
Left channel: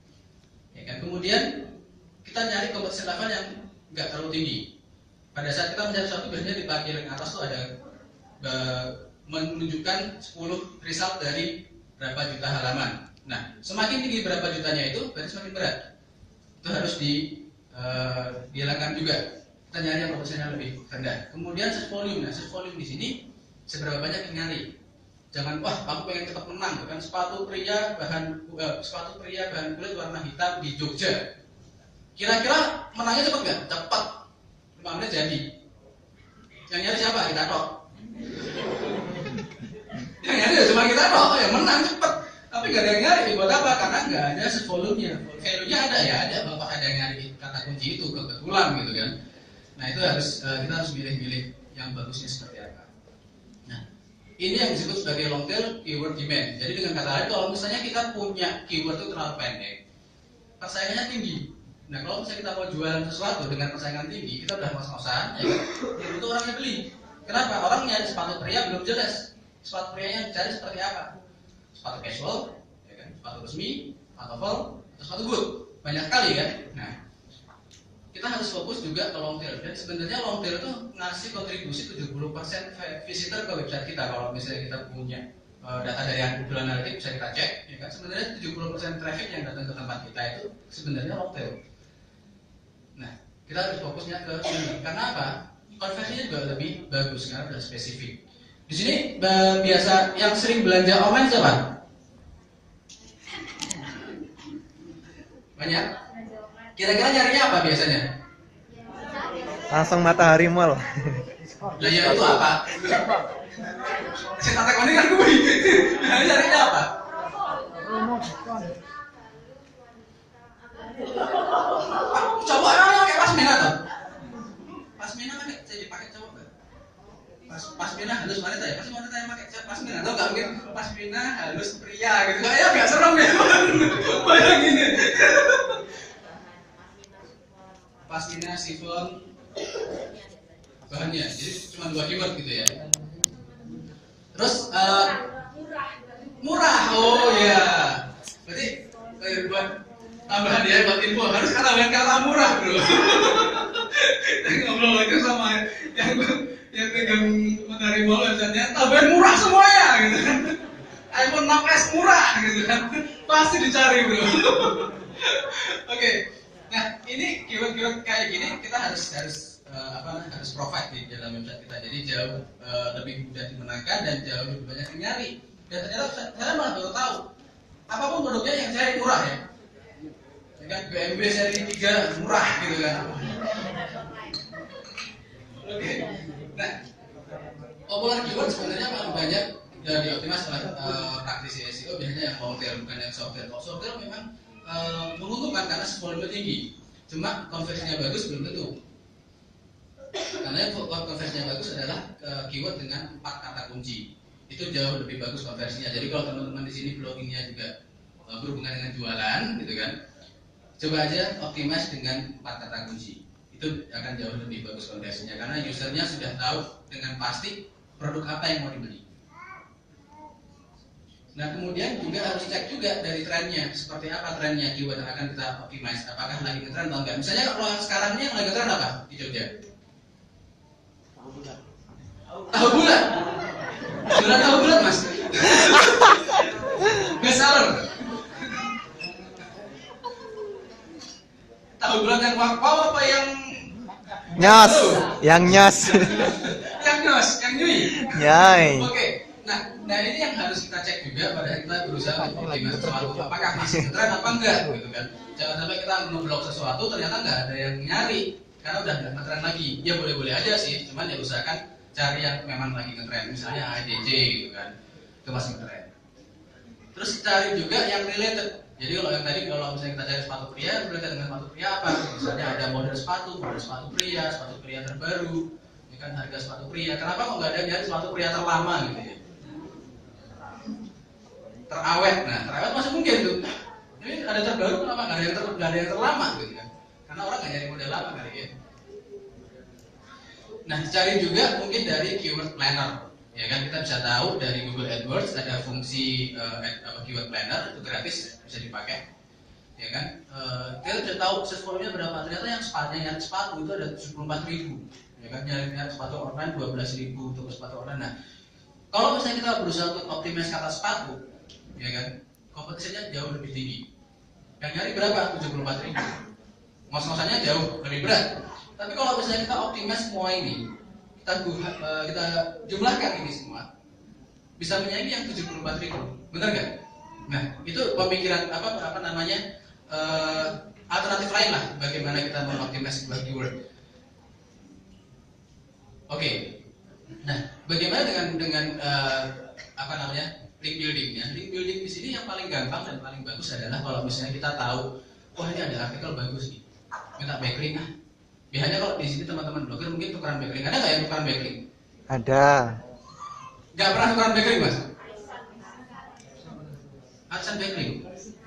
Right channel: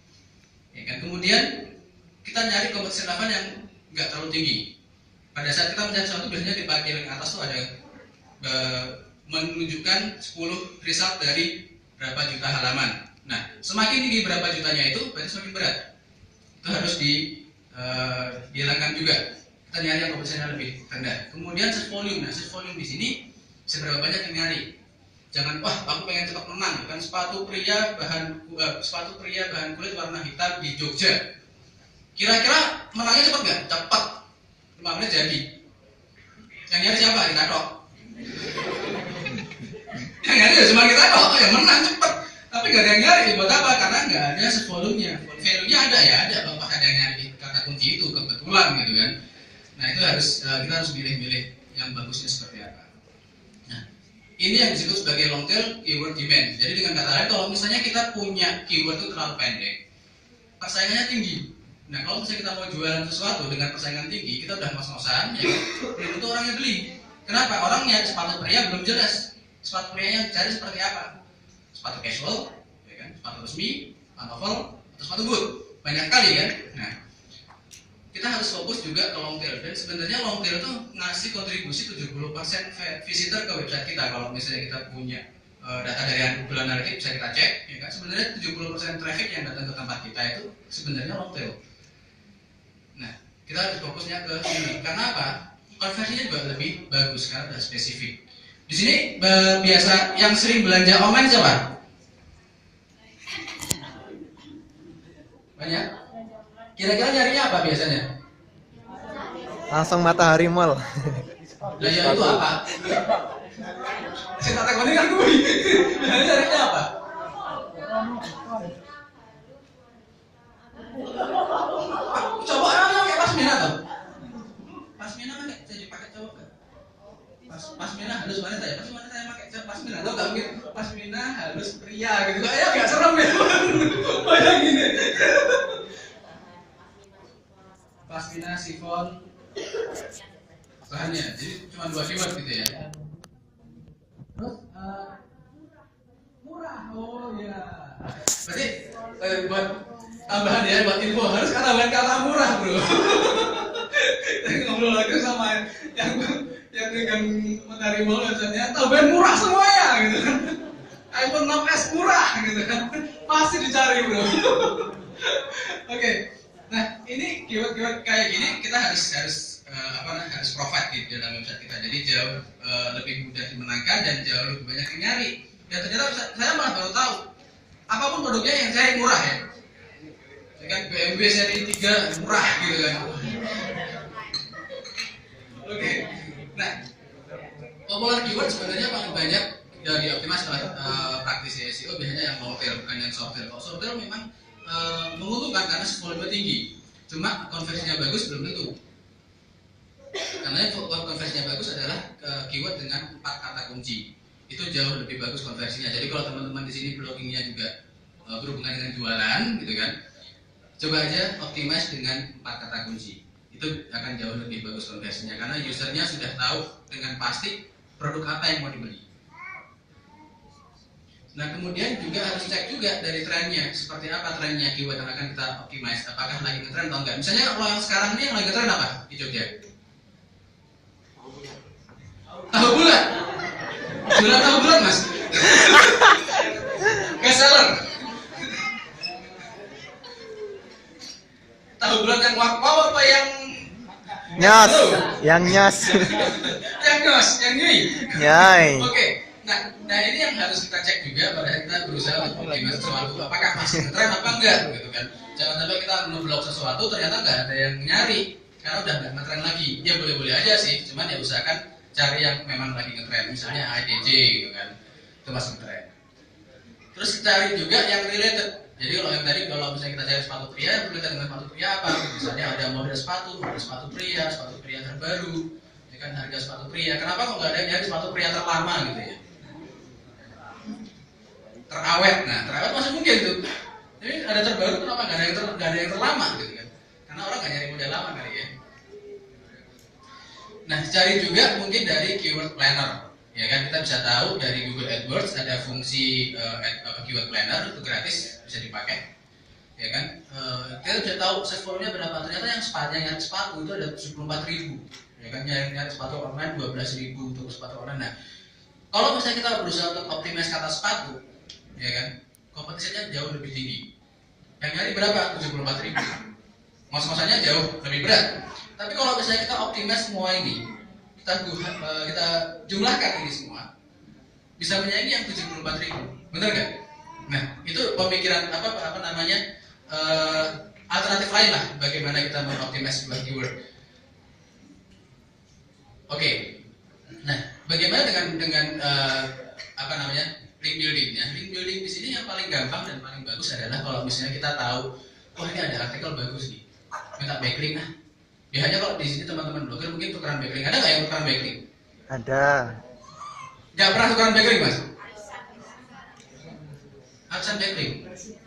ya kan. Kemudian kita nyari competition level yang nggak terlalu tinggi. Pada saat kita mencari sesuatu biasanya di bagian atas tuh ada menunjukkan 10 result dari berapa juta halaman. Nah semakin tinggi berapa jutanya itu berarti semakin berat, itu harus dihilangkan juga. Kita nyari yang komposisinya lebih rendah. Kemudian search volume. Nah, search volume di sini seberapa banyak yang nyari. Jangan wah aku pengen cepat menang, kan sepatu pria bahan kulit warna hitam di Jogja. Kira-kira menangnya cepat nggak? Cepat. 5 menit jadi. Yang nyari siapa? Kita tok. Yang nyari ya cuma kita tok, yang menang cepat. Tapi nggak ada yang nyari. Buat apa? Karena nggak ada search volume-nya. Value-nya ada ya, ada. Bapak ada yang nyari kata kunci itu kebetulan gitu kan. Nah itu kita harus milih-milih yang bagusnya seperti apa. Nah ini yang disebut sebagai long tail keyword demand. Jadi dengan kata lain, kalau misalnya kita punya keyword itu terlalu pendek, persaingannya tinggi. Nah kalau misalnya kita mau jualan sesuatu dengan persaingan tinggi, kita udah ngos-ngosan, ya belum tentu orangnya beli. Kenapa? Orang nyari sepatu pria belum jelas. Sepatu pria yang dicari seperti apa? Sepatu casual, ya kan? Sepatu resmi, pantofel, atau sepatu boot. Banyak kali kan. Nah kita harus fokus juga ke long tail, dan sebenarnya long tail itu ngasih kontribusi 70% visitor ke website kita. Kalau misalnya kita punya data dari Google Analytics bisa kita cek, ya kan, sebenarnya 70% traffic yang datang ke tempat kita itu sebenarnya long tail. Nah kita harus fokusnya ke sini. Karena apa? Konversinya juga lebih bagus karena sudah spesifik. Di sini biasa yang sering belanja online siapa? Banyak? Kira-kira nyarinya apa biasanya? Langsung Matahari Mall. Nah ya itu apa? Saya tak tahu kan gue. Nyarinya apa? Coba kayak pasmina tuh. Pasmina kan saya dipakai cowok kan? Pasmina halus wanita ya? Pasmina saya pakai pasmina. Lo gak mungkin pasmina halus pria gitu. Kayaknya agak serem ya. Bayangin ya. Pasmina sifon bahannya, jadi cuma 2 keyword gitu ya. Terus murah, oh ya. Berarti buat tambahan ya, buat info harus tambahan kata murah bro. Tadi ngobrol lagi sama yang Matahari Mall websitenya, tambahan murah semuanya gitu kan. iPhone 6s murah gitu kan, pasti dicari bro. Oke. Nah ini keyword kayak gini kita harus provide di dalam website kita. Jadi jauh lebih mudah dimenangkan dan jauh lebih banyak yang nyari. Dan ternyata saya malah baru tahu apapun produknya yang saya murah ya. Kan BMW seri 3 murah gitu kan. Oke. Nah popular keyword sebenarnya paling banyak dioptimas oleh praktisi SEO biasanya yang long tail bukan yang short tail. Kalau short tail memang menguntungkan karena volume tinggi, cuma konversinya bagus belum tentu. Karena konversinya bagus adalah keyword dengan 4 kata kunci, itu jauh lebih bagus konversinya. Jadi kalau teman-teman di sini bloggingnya juga berhubungan dengan jualan, gitu kan, coba aja optimize dengan 4 kata kunci, itu akan jauh lebih bagus konversinya karena usernya sudah tahu dengan pasti produk apa yang mau dibeli. Nah kemudian juga harus cek juga dari trennya, seperti apa trennya keyword yang akan kita optimize, apakah lagi ngetren atau enggak. Misalnya kalau yang sekarang ini yang lagi ngetren apa di Jogja? Tahu bulat. Jualan tahu bulat mas. Best seller. Tahu bulat yang wakpau apa yang Nyos, yang nyos. yang nyos, yang nyui. Nyai. Oke. Nah ini yang harus kita cek juga pada kita berusaha untuk optimis sesuatu, apakah masih ngetren apa enggak gitu kan. Jangan sampai kita ngeblok sesuatu ternyata enggak ada yang nyari karena udah nggak ngetren lagi. Dia boleh-boleh aja sih, cuman ya usahakan cari yang memang lagi ngetren, misalnya AJJ gitu kan, itu masih ngetren. Terus cari juga yang related. Jadi kalau yang tadi, kalau misalnya kita cari sepatu pria, related dengan sepatu pria apa? Misalnya ada model sepatu pria terbaru, ya kan, harga sepatu pria. Kenapa kok nggak ada yang nyari sepatu pria terlama gitu ya? Terawet, nah terawet masih mungkin tuh. Tapi ada terbaru, kenapa nggak ada yang terlama gitu kan? Karena orang nggak nyari model lama kali ya. Nah, cari juga mungkin dari keyword planner. Ya kan, kita bisa tahu dari Google AdWords ada fungsi keyword planner, itu gratis, bisa dipakai. Ya kan, kita bisa tahu search volume-nya berapa. Ternyata yang sepanjang sepatu itu ada 74.000. Ya kan, nyari sepatu online 12.000 untuk sepatu online. Nah, kalau misalnya kita berusaha untuk optimize kata sepatu, ya kan, kompetisinya jauh lebih tinggi. Yang nyari berapa? 74.000. Ngos-ngosannya jauh lebih berat. Tapi kalau misalnya kita optimize semua ini, kita jumlahkan ini semua, bisa menyaingi yang 74.000, benar nggak? Nah, itu pemikiran apa namanya alternatif lain lah bagaimana kita mengoptimize sebuah keyword. Oke. Nah, bagaimana dengan apa namanya link buildingnya? Link building di sini yang paling gampang dan paling bagus adalah kalau misalnya kita tahu, wah ini ada artikel bagus nih, minta backlink ah. Biasanya kalau di sini teman-teman blogger mungkin tukeran backlink. Ada nggak yang tukeran backlink? Ada. Nggak pernah tukeran backlink, Mas? Arisan backlink.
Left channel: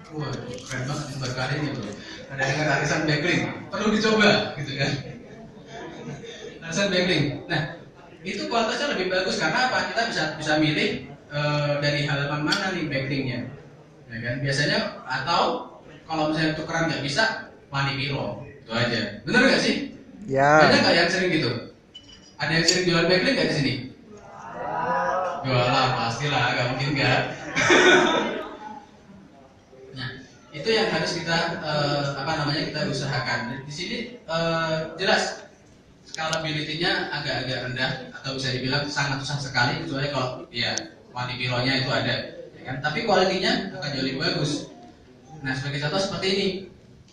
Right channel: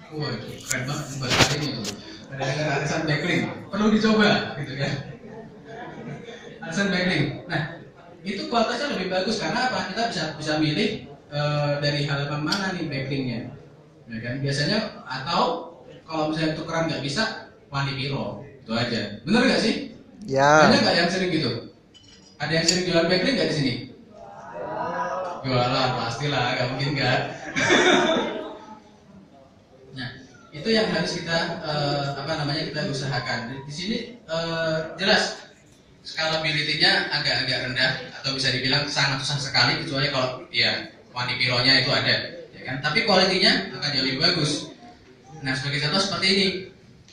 Wah, keren banget buat hari ini tuh. Ada yang arisan backlink. Perlu dicoba, gitu kan? Arisan backlink. Nah, itu kualitasnya lebih bagus karena apa? Kita bisa milih dari halaman mana nih backlinknya. Ya kan? Biasanya atau kalau misalnya tukeran nggak bisa, Wanipiro. Itu aja. Bener nggak sih? Ya. Banyak nggak yang sering gitu? Ada yang sering jualan backlink nggak di sini? Jualan pastilah, nggak mungkin nggak. Nah, itu yang harus kita kita usahakan. Di sini jelas scalability-nya agak-agak rendah atau bisa dibilang sangat susah sekali, kecuali kalau ya Wanipiro-nya itu ada, ya kan? Tapi kualitinya akan jauh lebih bagus. Nah, sebagai contoh seperti ini.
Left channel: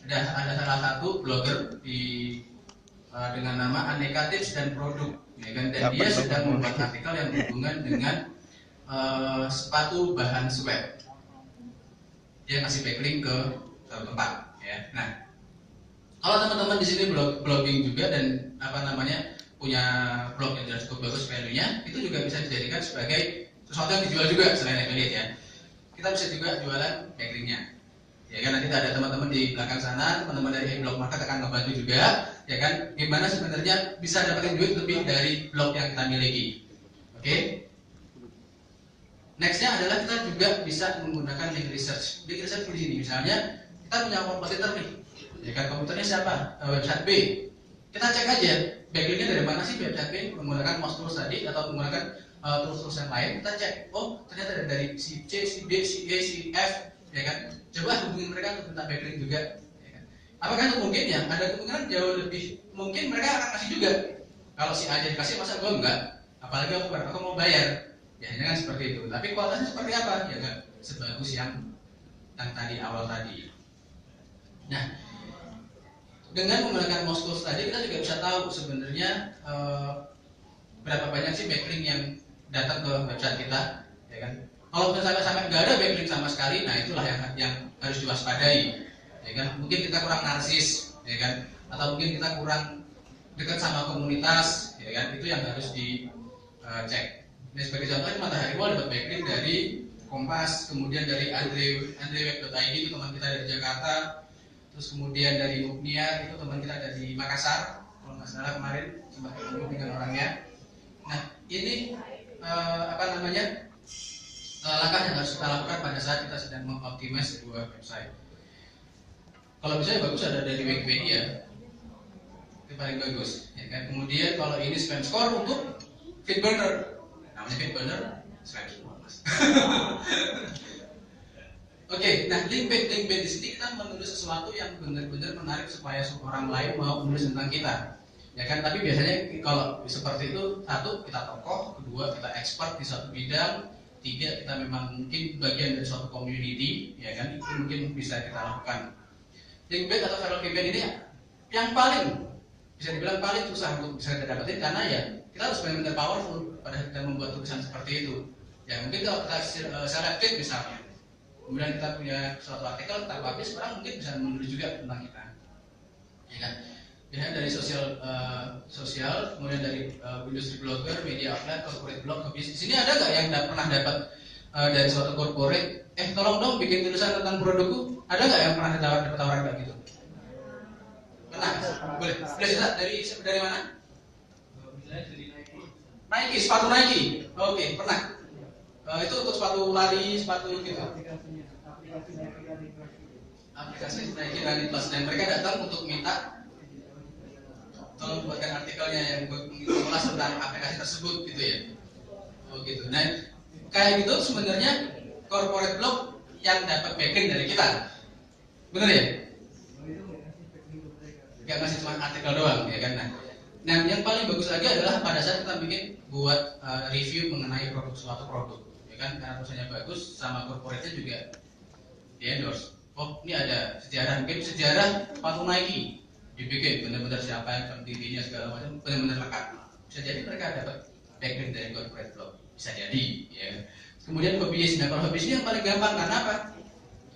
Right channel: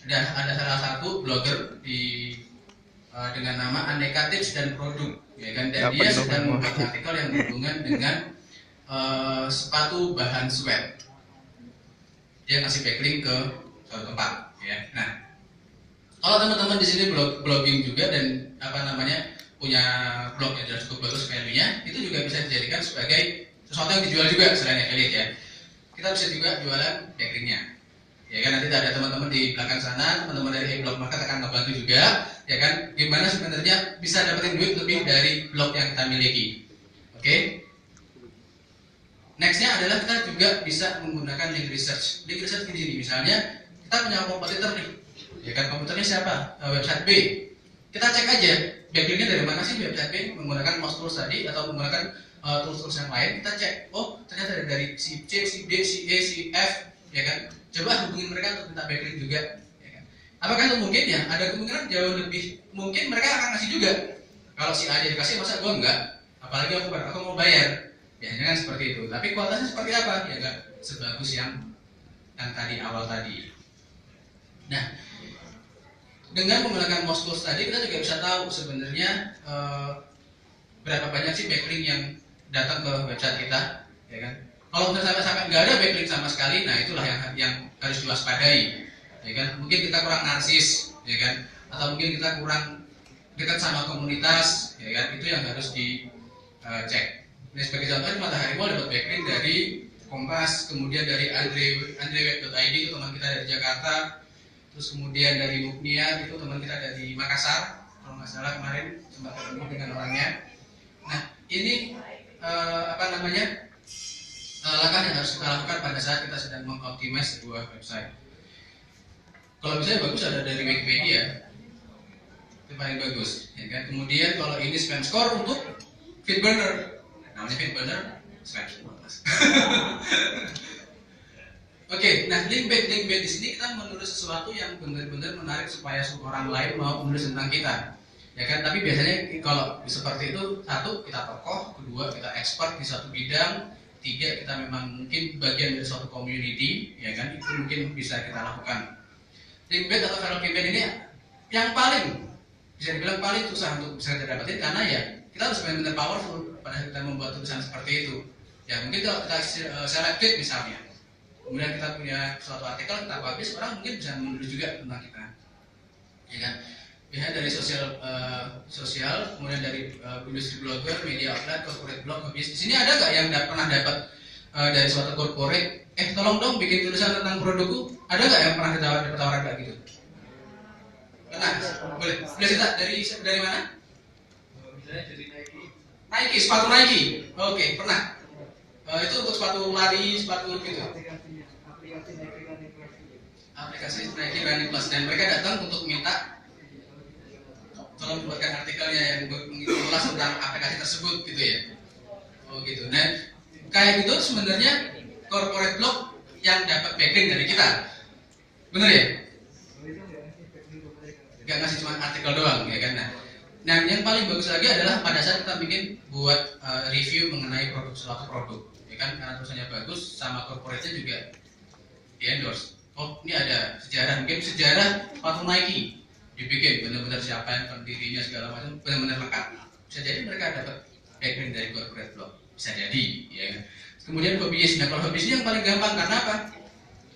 Ada salah satu blogger dengan nama Aneka Tips dan Produk, ya kan, dan dia sedang membuat artikel yang berhubungan dengan sepatu bahan sweat. Dia kasih backlink ke suatu tempat, ya. Nah, kalau teman-teman di sini blogging juga dan punya blog yang sudah cukup bagus value-nya, itu juga bisa dijadikan sebagai sesuatu yang dijual juga selain affiliate ya. Kita bisa juga jualan backlink-nya. Ya kan, nanti ada teman-teman di belakang sana, teman-teman dari blog market akan membantu juga, ya kan, gimana sebenarnya bisa dapetin duit lebih dari blog yang kita miliki. Oke. Nextnya adalah kita juga bisa menggunakan link research. Link research di sini, misalnya kita punya kompetitor nih, ya kan, komputernya siapa? Website B. Kita cek aja backlinknya dari mana sih website B, menggunakan mouse tools tadi atau menggunakan tools-tools yang lain. Kita cek, oh ternyata dari si C, si D, si E, si F, ya kan. Coba hubungin mereka untuk minta backlink juga, ya kan? Apakah itu mungkin ya? Ada kemungkinan jauh lebih mungkin mereka akan kasih juga. Kalau si A dikasih, masa gue enggak? Apalagi aku mau bayar. Biasanya kan seperti itu. Tapi kualitasnya seperti apa? Ya enggak sebagus yang tadi awal tadi. Nah, dengan menggunakan mouse tools tadi kita juga bisa tahu sebenarnya berapa banyak sih backlink yang datang ke website kita, ya kan? Kalau sampai nggak ada backlink sama sekali, nah itulah yang harus diwaspadai, ya kan? Mungkin kita kurang narsis, ya kan? Atau mungkin kita kurang dekat sama komunitas, ya kan? Itu yang harus dicek. Nah, sebagai contoh, Matahari Mall dapat backlink dari Kompas, kemudian dari andreweb.id itu teman kita dari Jakarta, terus kemudian dari Muknia itu teman kita dari Makassar, kalau nggak salah kemarin sempat ketemu dengan orangnya. Nah, ini langkah yang harus kita lakukan pada saat kita sedang mengoptimize sebuah website. Kalau bisa bagus ada dari Wikipedia, itu paling bagus, ya kan? Kemudian kalau ini spam score untuk Feedburner, namanya Feedburner, spam score. Oke, nah link bait di sini kita menulis sesuatu yang benar-benar menarik supaya orang lain mau menulis tentang kita, ya kan? Tapi biasanya kalau seperti itu, satu kita tokoh, kedua kita expert di satu bidang, tiga kita memang mungkin bagian dari suatu community, ya kan, itu mungkin bisa kita lakukan. Link bait atau value campaign ini yang paling bisa dibilang paling susah untuk bisa kita dapetin karena ya kita harus benar-benar powerful pada saat kita membuat tulisan seperti itu. Ya mungkin kalau kita selected misalnya, kemudian kita punya suatu artikel kita publish, orang mungkin bisa menulis juga tentang kita, ya kan? Ya dari sosial, kemudian dari industri blogger, media outlet, corporate blog, hobbies. Di sini ada nggak yang pernah dapat dari suatu corporate, tolong dong bikin tulisan tentang produkku? Ada nggak yang pernah ditawaran kayak gitu? Pernah? Boleh cerita dari mana? Nike, sepatu Nike. Oke, pernah. Itu untuk sepatu lari, sepatu gitu. Aplikasi Nike Running Plus, dan mereka datang untuk minta tolong buatkan artikelnya yang mengulas tentang aplikasi tersebut gitu ya. Oh gitu. Nah, kayak gitu sebenarnya corporate blog yang dapat backlink dari kita. Bener ya? Gak ngasih cuma artikel doang ya kan. Nah, yang paling bagus lagi adalah pada saat kita bikin buat review mengenai suatu produk, ya kan, karena tulisannya bagus sama corporate-nya juga di endorse. Oh, ini ada sejarah, mungkin sejarah sepatu Nike dibikin benar-benar siapa yang pendirinya segala macam benar-benar lengkap. Bisa jadi mereka dapat backlink dari corporate blog, bisa jadi ya. Kemudian hobbies, nah kalau hobbies ini yang paling gampang karena apa?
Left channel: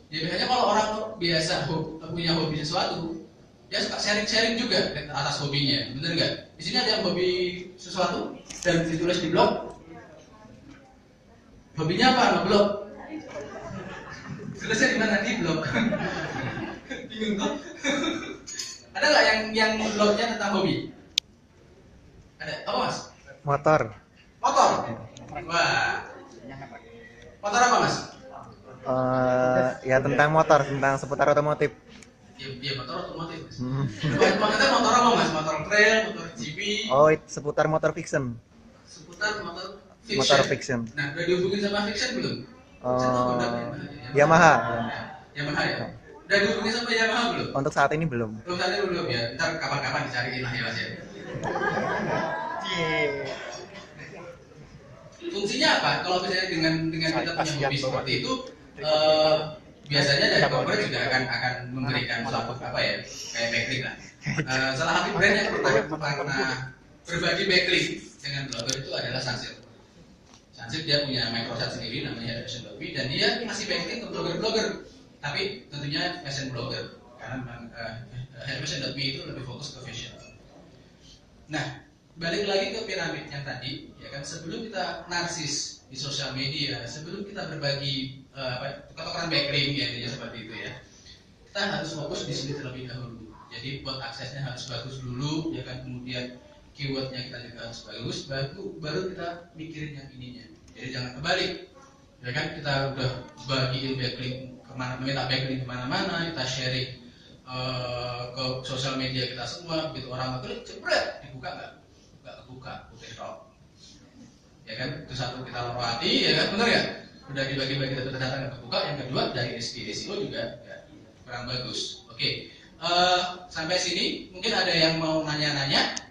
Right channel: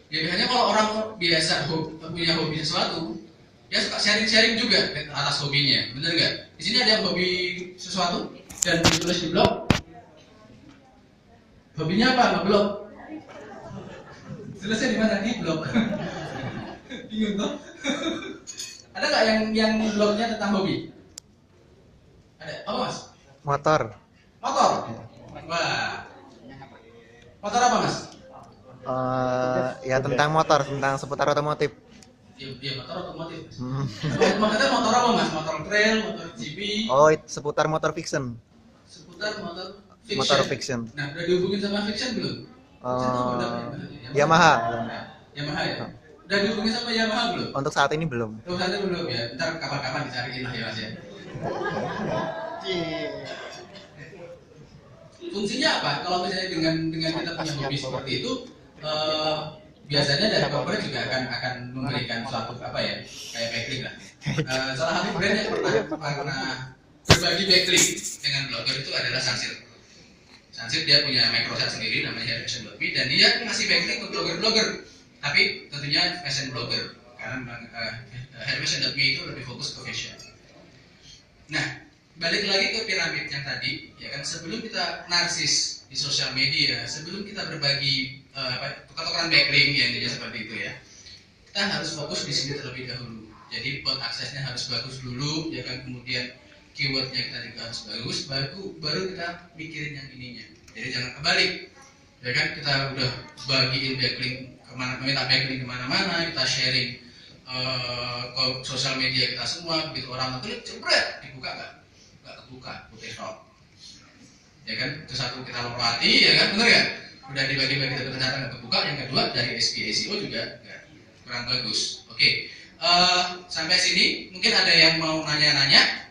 Ya biasanya kalau orang biasa punya hobi sesuatu, dia suka sharing-sharing juga atas hobinya, bener nggak? Di sini ada yang hobi sesuatu dan ditulis di blog. Hobinya apa? Ngeblog. Tulisnya di mana? Di blog. Bingung tuh. Ada nggak yang blognya tentang hobi? Ada. Apa mas? Motor. Motor. Wah. Motor apa mas? Ya tentang motor, tentang seputar otomotif. Iya motor otomotif. Motor apa mas? Motor trail, motor GP. Oh, itu seputar motor fiction. Seputar motor fiction. Motor fiction. Nah, udah dihubungin sama fiction belum? Yamaha. Yamaha ya. Udah dihubungin sama Yamaha belum? Untuk saat ini belum. Untuk saat ini belum ya. Ntar kapan-kapan dicariin lah ya mas ya. Fungsinya apa? Kalau misalnya dengan kita punya hobi seperti itu, biasanya dari corporate juga akan memberikan suatu apa ya, kayak backlink lah. Salah satu brand yang pernah berbagi backlink dengan blogger itu adalah Sunsilk. Sunsilk dia punya microsite sendiri namanya Hermation.me dan dia ngasih backlink untuk blogger-blogger, tapi tentunya fashion blogger karena Hermation.me itu lebih fokus ke fashion. Nah, balik lagi ke piramid yang tadi, ya kan, sebelum kita narsis di sosial media, sebelum kita berbagi tukar-tukaran backlink yang jadi seperti itu ya, kita harus fokus di sini terlebih dahulu. Jadi buat aksesnya harus bagus dulu, ya kan, kemudian keywordnya kita juga harus bagus, baru kita mikirin yang ininya. Jadi jangan kebalik, ya kan, kita udah bagiin backlink kemana, minta backlink kemana-mana, kita sharing ke sosial media kita semua, begitu orang ngeklik, jebret, dibuka nggak kebuka, putih stop. Ya kan, itu satu kita lewati, ya kan, benar ya? Udah dibagi-bagi tapi ternyata nggak kebuka. Yang kedua dari SEO juga kurang bagus. Oke, sampai sini mungkin ada yang mau nanya-nanya.